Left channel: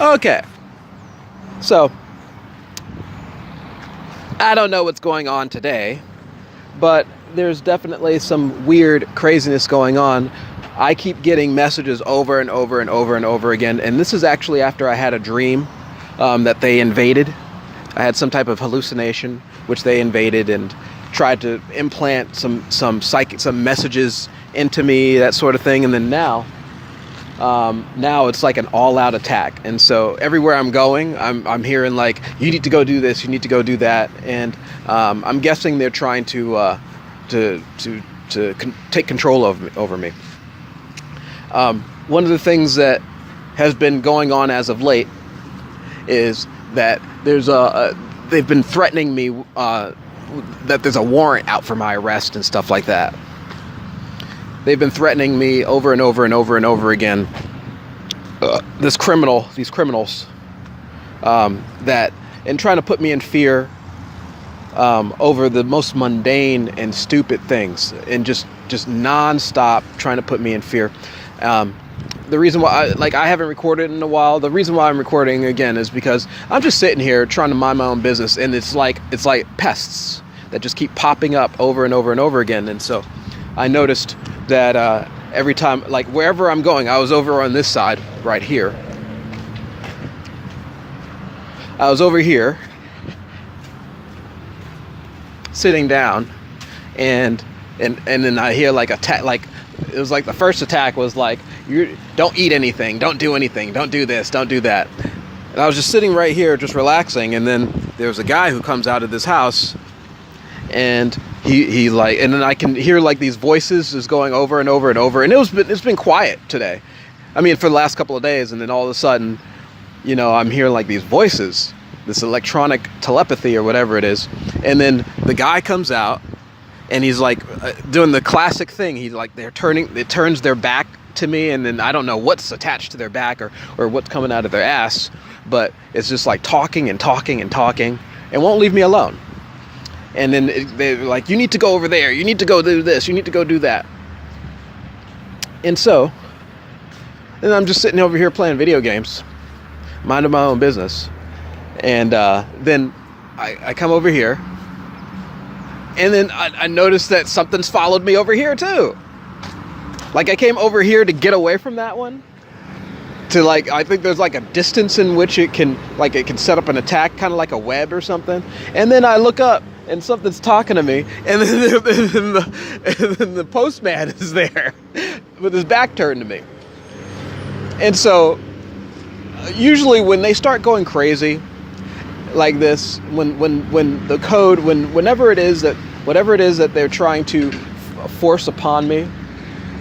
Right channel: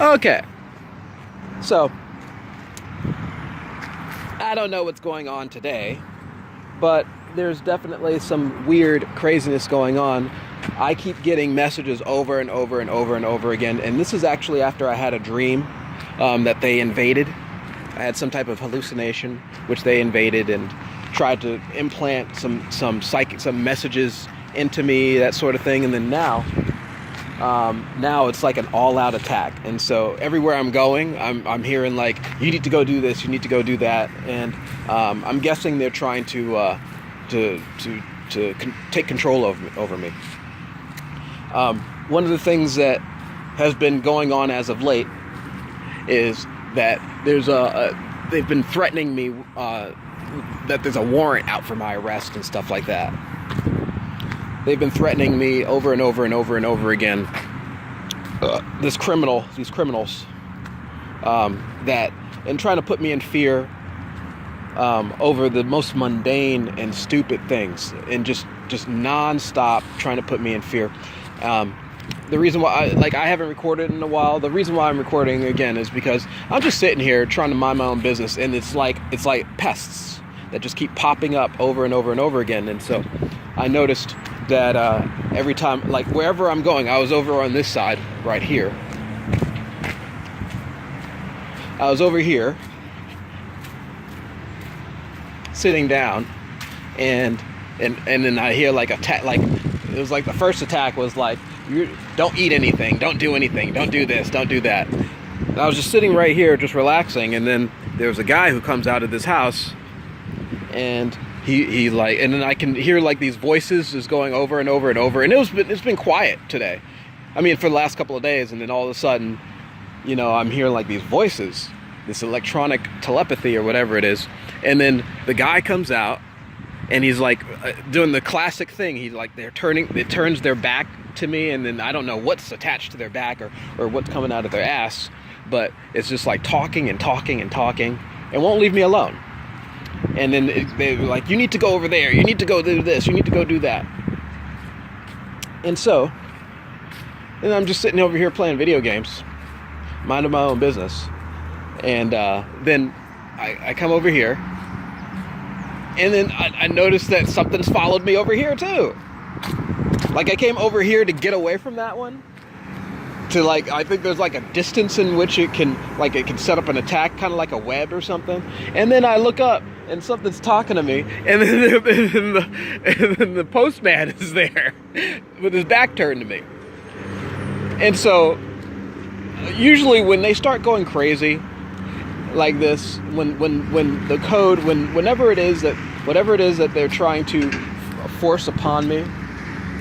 Okay, so I don't know what's going on today, but there's definitely some weird craziness going on. I keep getting messages over and over and over and over again, and this is actually after I had a dream that they invaded. I had some type of hallucination, which they invaded and tried to implant some messages into me, that sort of thing. And then now it's like an all-out attack, and so everywhere I'm going, I'm hearing like, you need to go do this, you need to go do that, and I'm guessing they're trying to take control over me. One of the things that has been going on as of late is that they've been threatening me that there's a warrant out for my arrest and stuff like that. They've been threatening me over and over and over and over again. These criminals, that, and trying to put me in fear over the most mundane and stupid things, and just nonstop trying to put me in fear. The reason why I haven't recorded in a while, the reason why I'm recording again is because I'm just sitting here trying to mind my own business, and it's like pests that just keep popping up over and over and over again. And so I noticed that every time, like wherever I'm going, I was over on this side right here. I was over here sitting down, and then I hear like attack. Like it was like the first attack was like, you don't eat anything, don't do anything, don't do this, don't do that. And I was just sitting right here just relaxing, and then there's a guy who comes out of this house, and he like, and then I can hear like these voices just going over and over and over, and it's been quiet today. I mean, for the last couple of days, and then all of a sudden, you know, I'm hearing like these voices, this electronic telepathy or whatever it is, and then the guy comes out, and he's like doing the classic thing. He like it turns their back to me, and then I don't know what's attached to their back or what's coming out of their ass, but it's just like talking and talking and talking, and won't leave me alone. And then they're like, you need to go over there, you need to go do this, you need to go do that. And so, then I'm just sitting over here playing video games, minding my own business. And then I come over here, and then I noticed that something's followed me over here too. Like I came over here to get away from that one, to like, I think there's like a distance in which it can set up an attack, kind of like a web or something. And then I look up, and something's talking to me, and then the postman is there with his back turned to me. And so usually when they start going crazy like this, when the code, whenever it is that they're trying to force upon me,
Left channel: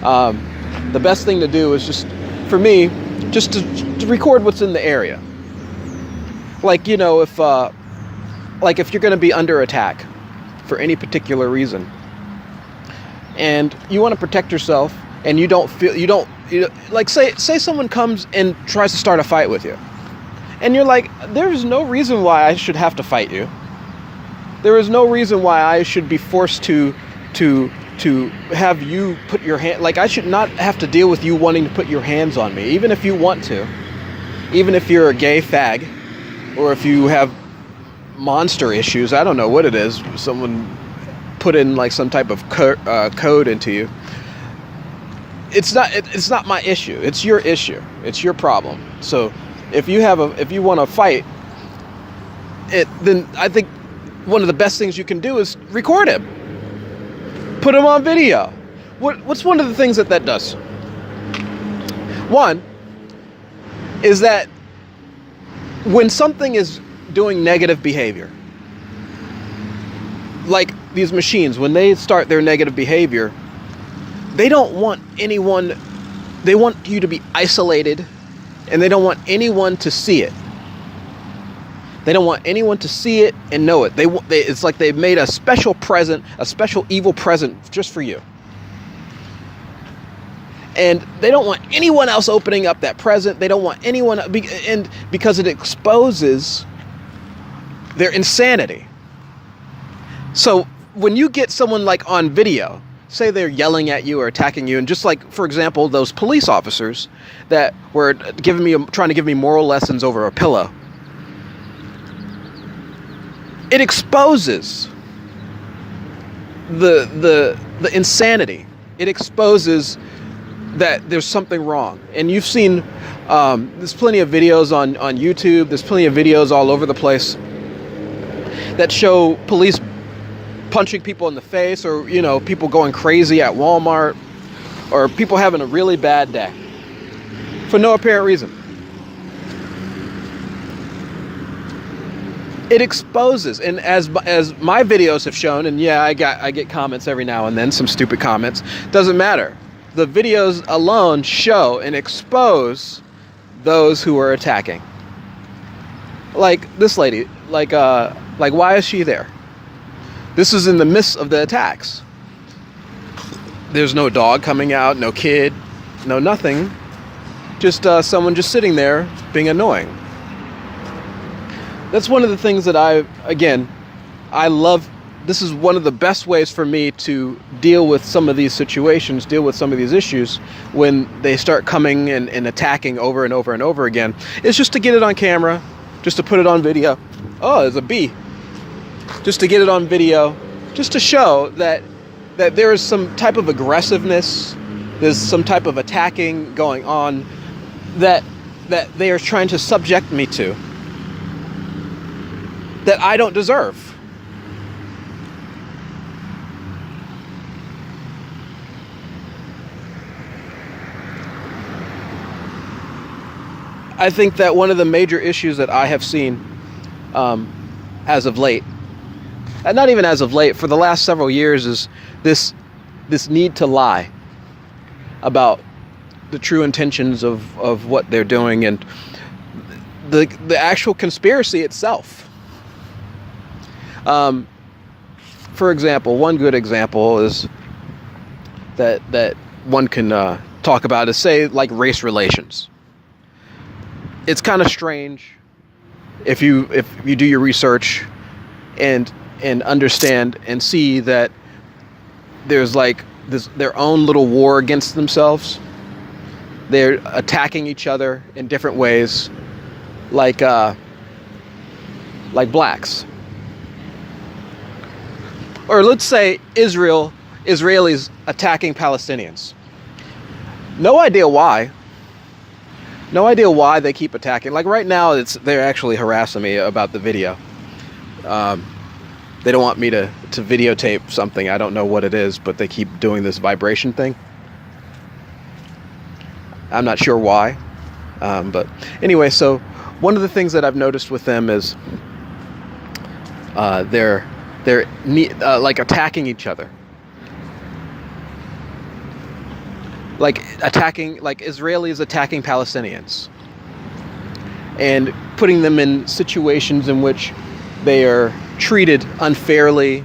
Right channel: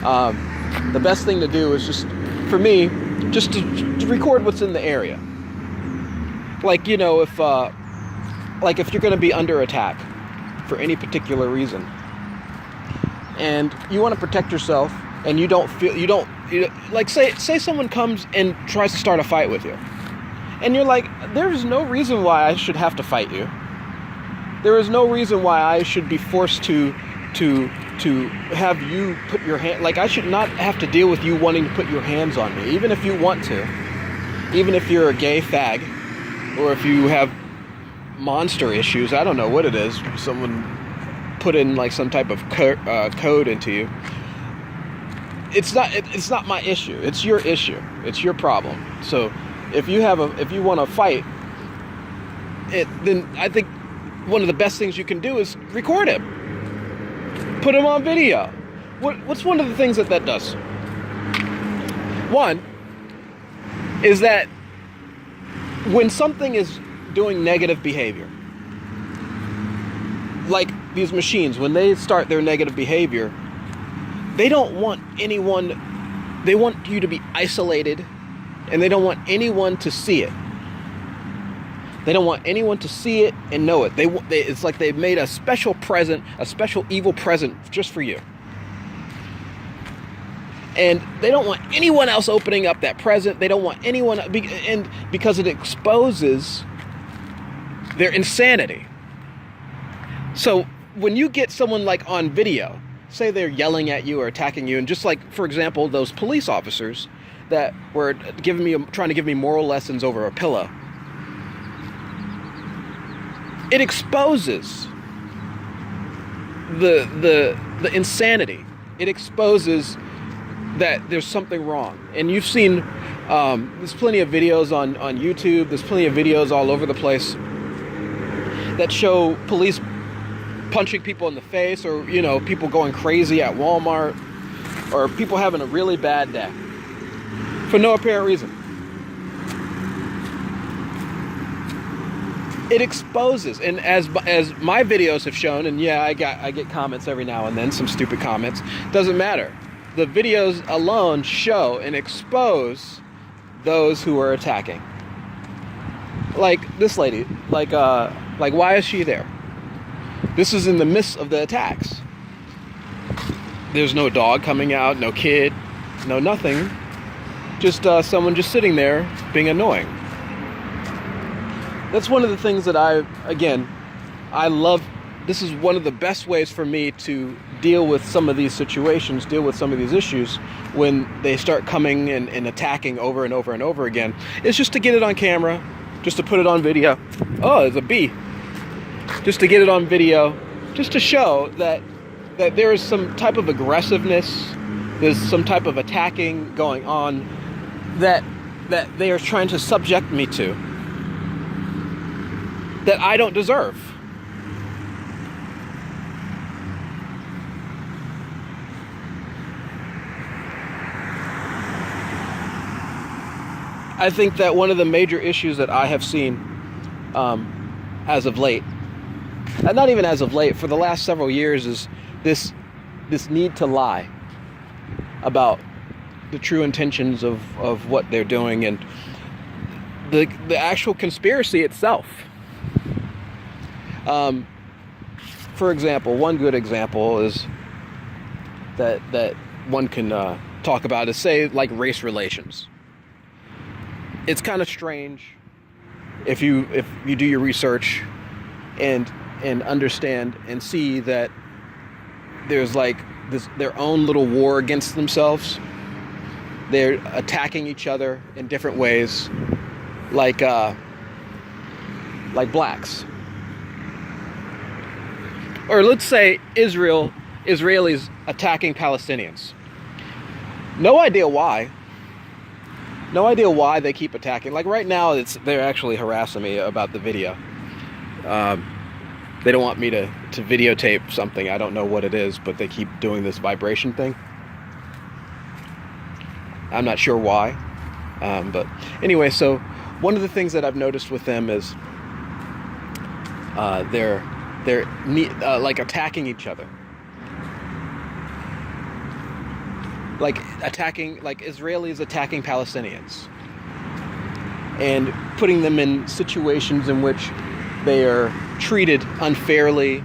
the best thing to do is just, for me, just to record what's in the area. Like, you know, if you're going to be under attack for any particular reason, and you want to protect yourself, and you don't like, say someone comes and tries to start a fight with you, and you're like, there is no reason why I should have to fight you. There is no reason why I should be forced to have you put your hand, like I should not have to deal with you wanting to put your hands on me, even if you want to, even if you're a gay fag, or if you have monster issues. I don't know what it is. Someone put in like some type of code into you. It's not my issue. It's your issue. It's your problem. So if you want to fight it, then I think one of the best things you can do is record him. Put him on video. What's one of the things that does? One is that when something is doing negative behavior, like these machines, when they start their negative behavior, they don't want anyone, they want you to be isolated, and they don't want anyone to see it. They don't want anyone to see it and know it. It's like they've made a special present, a special evil present just for you. And they don't want anyone else opening up that present. They don't want anyone, and because it exposes their insanity. So when you get someone like on video, say they're yelling at you or attacking you, and just like, for example, those police officers that were trying to give me moral lessons over a pillow. It exposes the insanity. It exposes that there's something wrong. And you've seen, there's plenty of videos on YouTube, there's plenty of videos all over the place that show police punching people in the face, or, you know, people going crazy at Walmart, or people having a really bad day for no apparent reason. It exposes, and as my videos have shown, and yeah, I get comments every now and then, some stupid comments, doesn't matter. The videos alone show and expose those who are attacking. Like this lady, like why is she there? This is in the midst of the attacks. There's no dog coming out, no kid, no nothing. Just someone just sitting there being annoying. That's one of the things that I love. This is one of the best ways for me to deal with some of these situations, deal with some of these issues when they start coming and attacking over and over and over again. It's just to get it on camera, just to put it on video. Oh, there's a bee. Just to get it on video, just to show that there is some type of aggressiveness, there's some type of attacking going on that they are trying to subject me to, that I don't deserve. I think that one of the major issues that I have seen as of late, and not even as of late, for the last several years, is this need to lie about the true intentions of what they're doing, and the actual conspiracy itself. For example, one good example is that one can talk about is, say, like race relations. It's kind of strange if you do your research and understand and see that there's like their own little war against themselves. They're attacking each other in different ways, like blacks. Or let's say Israelis attacking Palestinians. No idea why. No idea why they keep attacking. Like right now, they're actually harassing me about the video. They don't want me to videotape something. I don't know what it is, but they keep doing this vibration thing. I'm not sure why. But anyway, so one of the things that I've noticed with them is they're like attacking each other. Like Israelis attacking Palestinians and putting them in situations in which they are treated unfairly,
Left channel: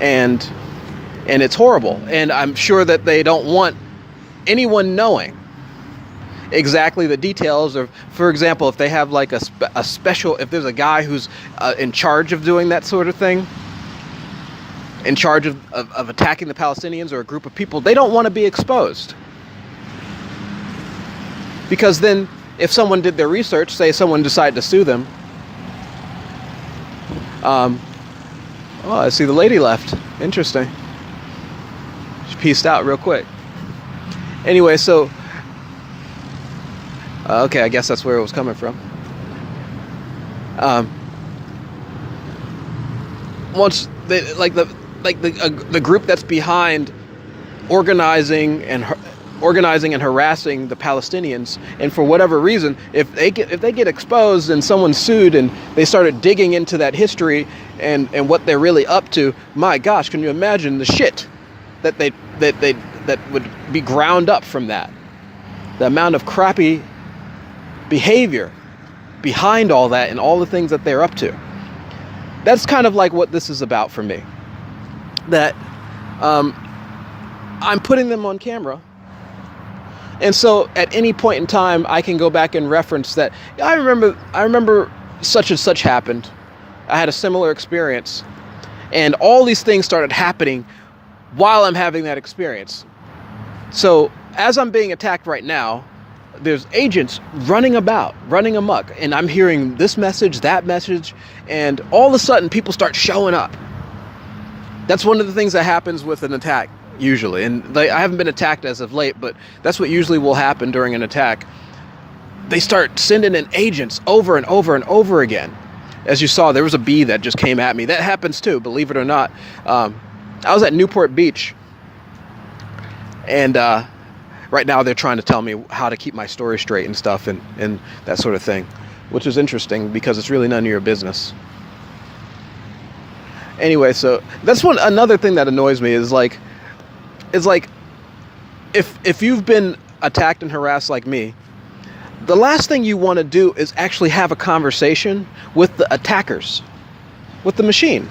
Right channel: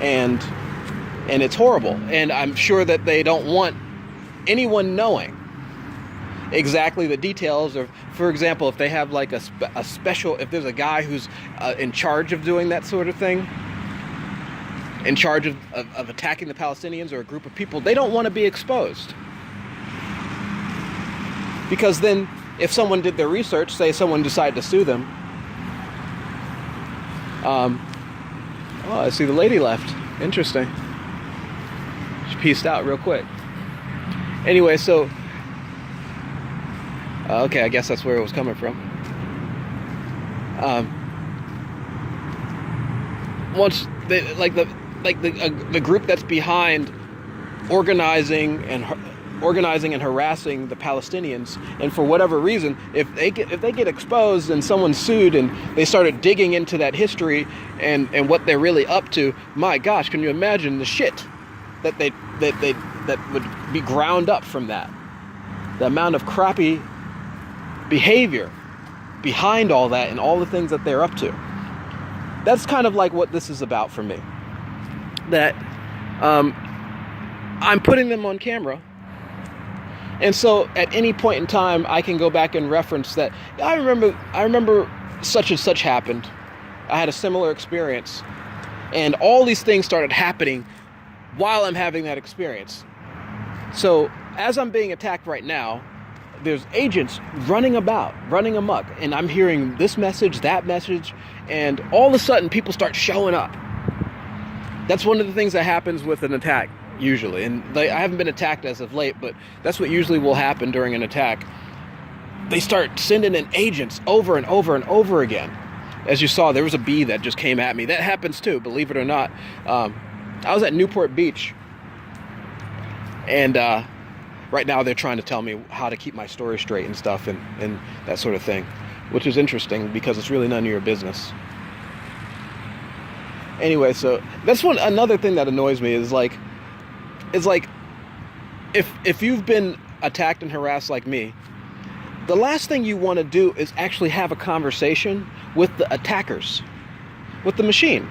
and it's horrible. And I'm sure that they don't want anyone knowing exactly the details of, for example, if they have like a special, if there's a guy who's in charge of doing that sort of thing, in charge of attacking the Palestinians or a group of people, they don't want to be exposed. Because then if someone did their research, say someone decided to sue them, oh, I see the lady left. Interesting. She peaced out real quick. Anyway, so okay, I guess that's where it was coming from. Once they the group that's behind organizing and harassing the Palestinians, and for whatever reason, if they get exposed and someone's sued and they started digging into that history and what they're really up to, my gosh, can you imagine the shit that would be ground up from that? The amount of crappy behavior behind all that and all the things that they're up to. That's kind of like what this is about for me. That I'm putting them on camera, and so at any point in time I can go back and reference that. I remember such and such happened. I had a similar experience, and all these things started happening while I'm having that experience. So as I'm being attacked right now, there's agents running amok, and I'm hearing this message, that message, and all of a sudden people start showing up. That's one of the things that happens with an attack usually, and I haven't been attacked as of late, but that's what usually will happen during an attack. They start sending in agents over and over and over again. As you saw, there was a bee that just came at me. That happens too, believe it or not. I was at Newport Beach, and right now they're trying to tell me how to keep my story straight and stuff, and that sort of thing, which is interesting because it's really none of your business. Anyway, so that's another thing that annoys me is like if you've been attacked and harassed like me, the last thing you want to do is actually have a conversation with the attackers, with the machine.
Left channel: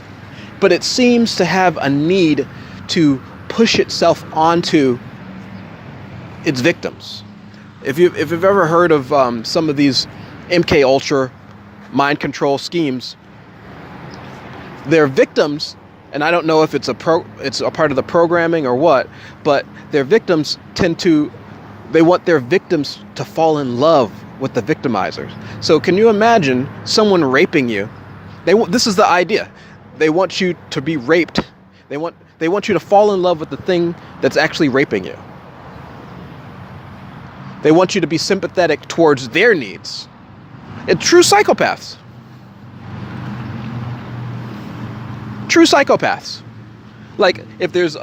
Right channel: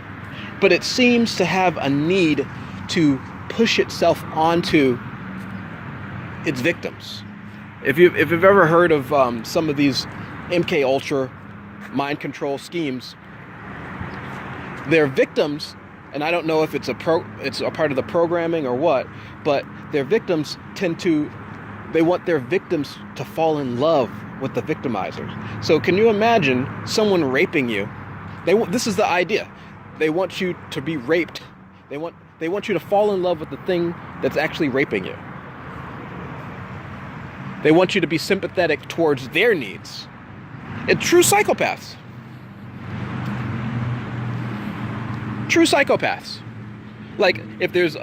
But it seems to have a need to push itself onto its victims. If you've ever heard of some of these MK Ultra mind control schemes, their victims, and I don't know if it's a part of the programming or what, but their victims they want their victims to fall in love with the victimizers. So can you imagine someone raping you? This is the idea. They want you to be raped. They want you to fall in love with the thing that's actually raping you. They want you to be sympathetic towards their needs. It's true psychopaths. True psychopaths. Like if there's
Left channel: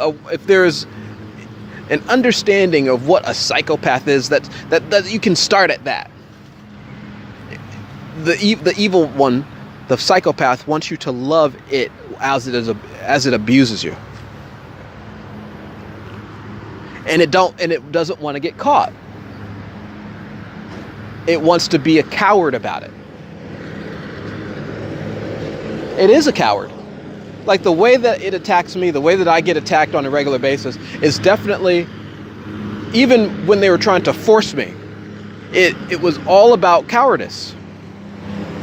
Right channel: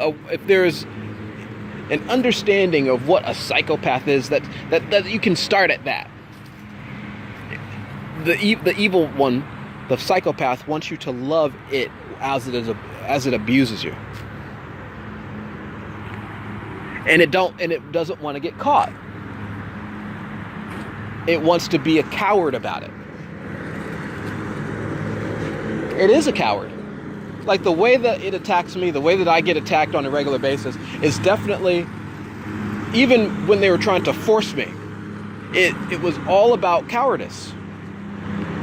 an understanding of what a psychopath is, that you can start at that. The evil one, the psychopath, wants you to love it as it abuses you, and it doesn't want to get caught. It wants to be a coward about it. It is a coward. Like the way that it attacks me, the way that I get attacked on a regular basis is definitely, even when they were trying to force me, it was all about cowardice.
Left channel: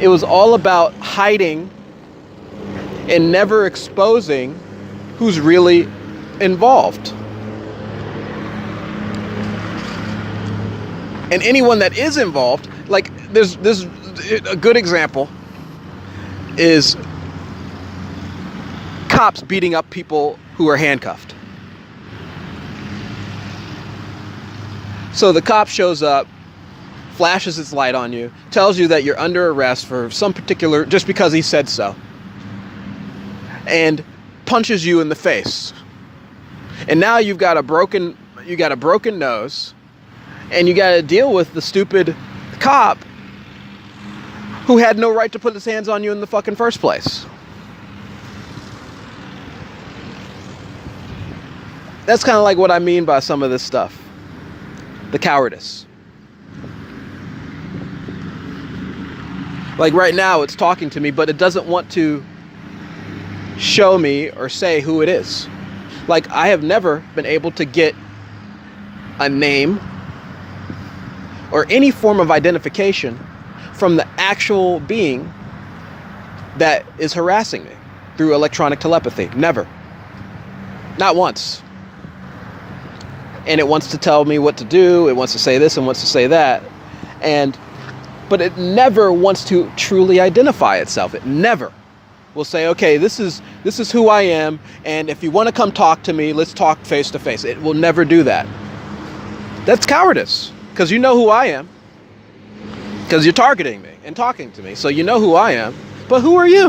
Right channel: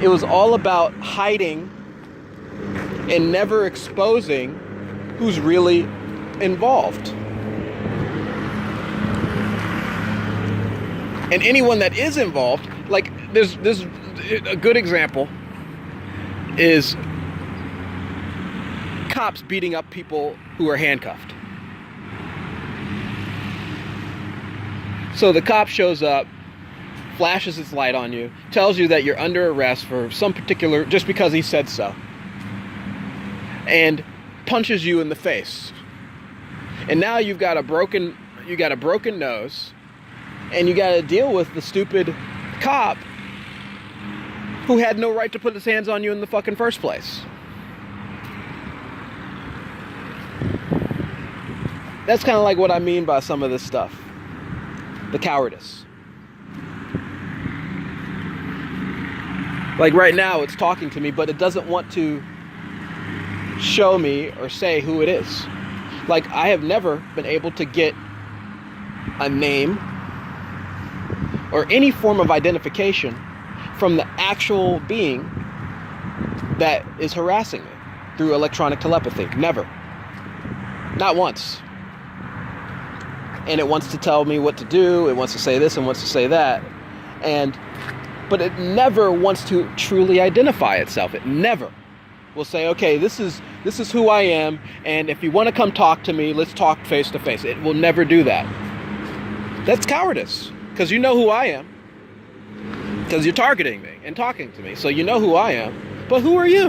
It was all about hiding and never exposing who's really involved. And anyone that is involved, like there's a good example is cops beating up people who are handcuffed. So the cop shows up, flashes its light on you, tells you that you're under arrest for some particular, just because he said so, and punches you in the face. And now you've got a broken nose, and you got to deal with the stupid cop who had no right to put his hands on you in the fucking first place. That's kind of like what I mean by some of this stuff. The cowardice. Like right now, it's talking to me, but it doesn't want to show me or say who it is. Like I have never been able to get a name or any form of identification from the actual being that is harassing me through electronic telepathy. Never. Not once. And it wants to tell me what to do. It wants to say this and wants to say that. But it never wants to truly identify itself. It never will say, okay, this is who I am, and if you want to come talk to me, let's talk face to face. It will never do that. That's cowardice. Because you know who I am. Because you're targeting me and talking to me. So you know who I am. But who are you?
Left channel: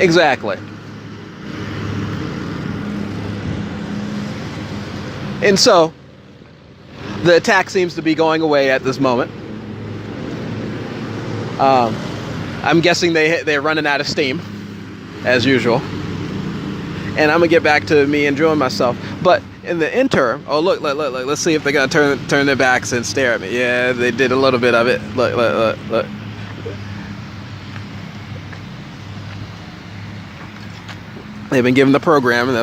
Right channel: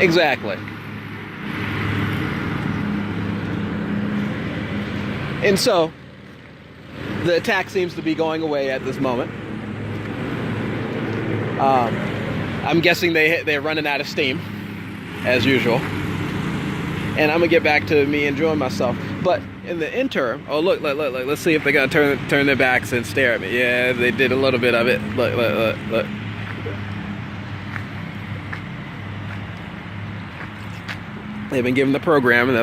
Exactly. And so, the attack seems to be going away at this moment. I'm guessing they're running out of steam, as usual. And I'm going to get back to me enjoying myself. But in the interim, oh look, let's see if they're going to turn their backs and stare at me. Yeah, they did a little bit of it. Look. They've been given the program, and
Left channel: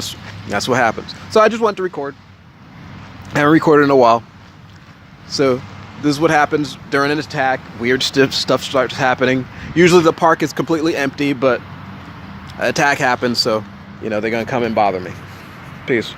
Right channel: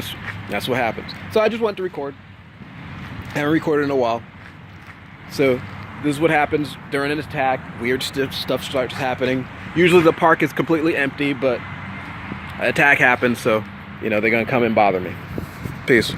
that's what happens. So I just wanted to record. I haven't recorded in a while. So this is what happens during an attack. Weird stuff starts happening. Usually the park is completely empty, but an attack happens, so you know, they're gonna come and bother me. Peace.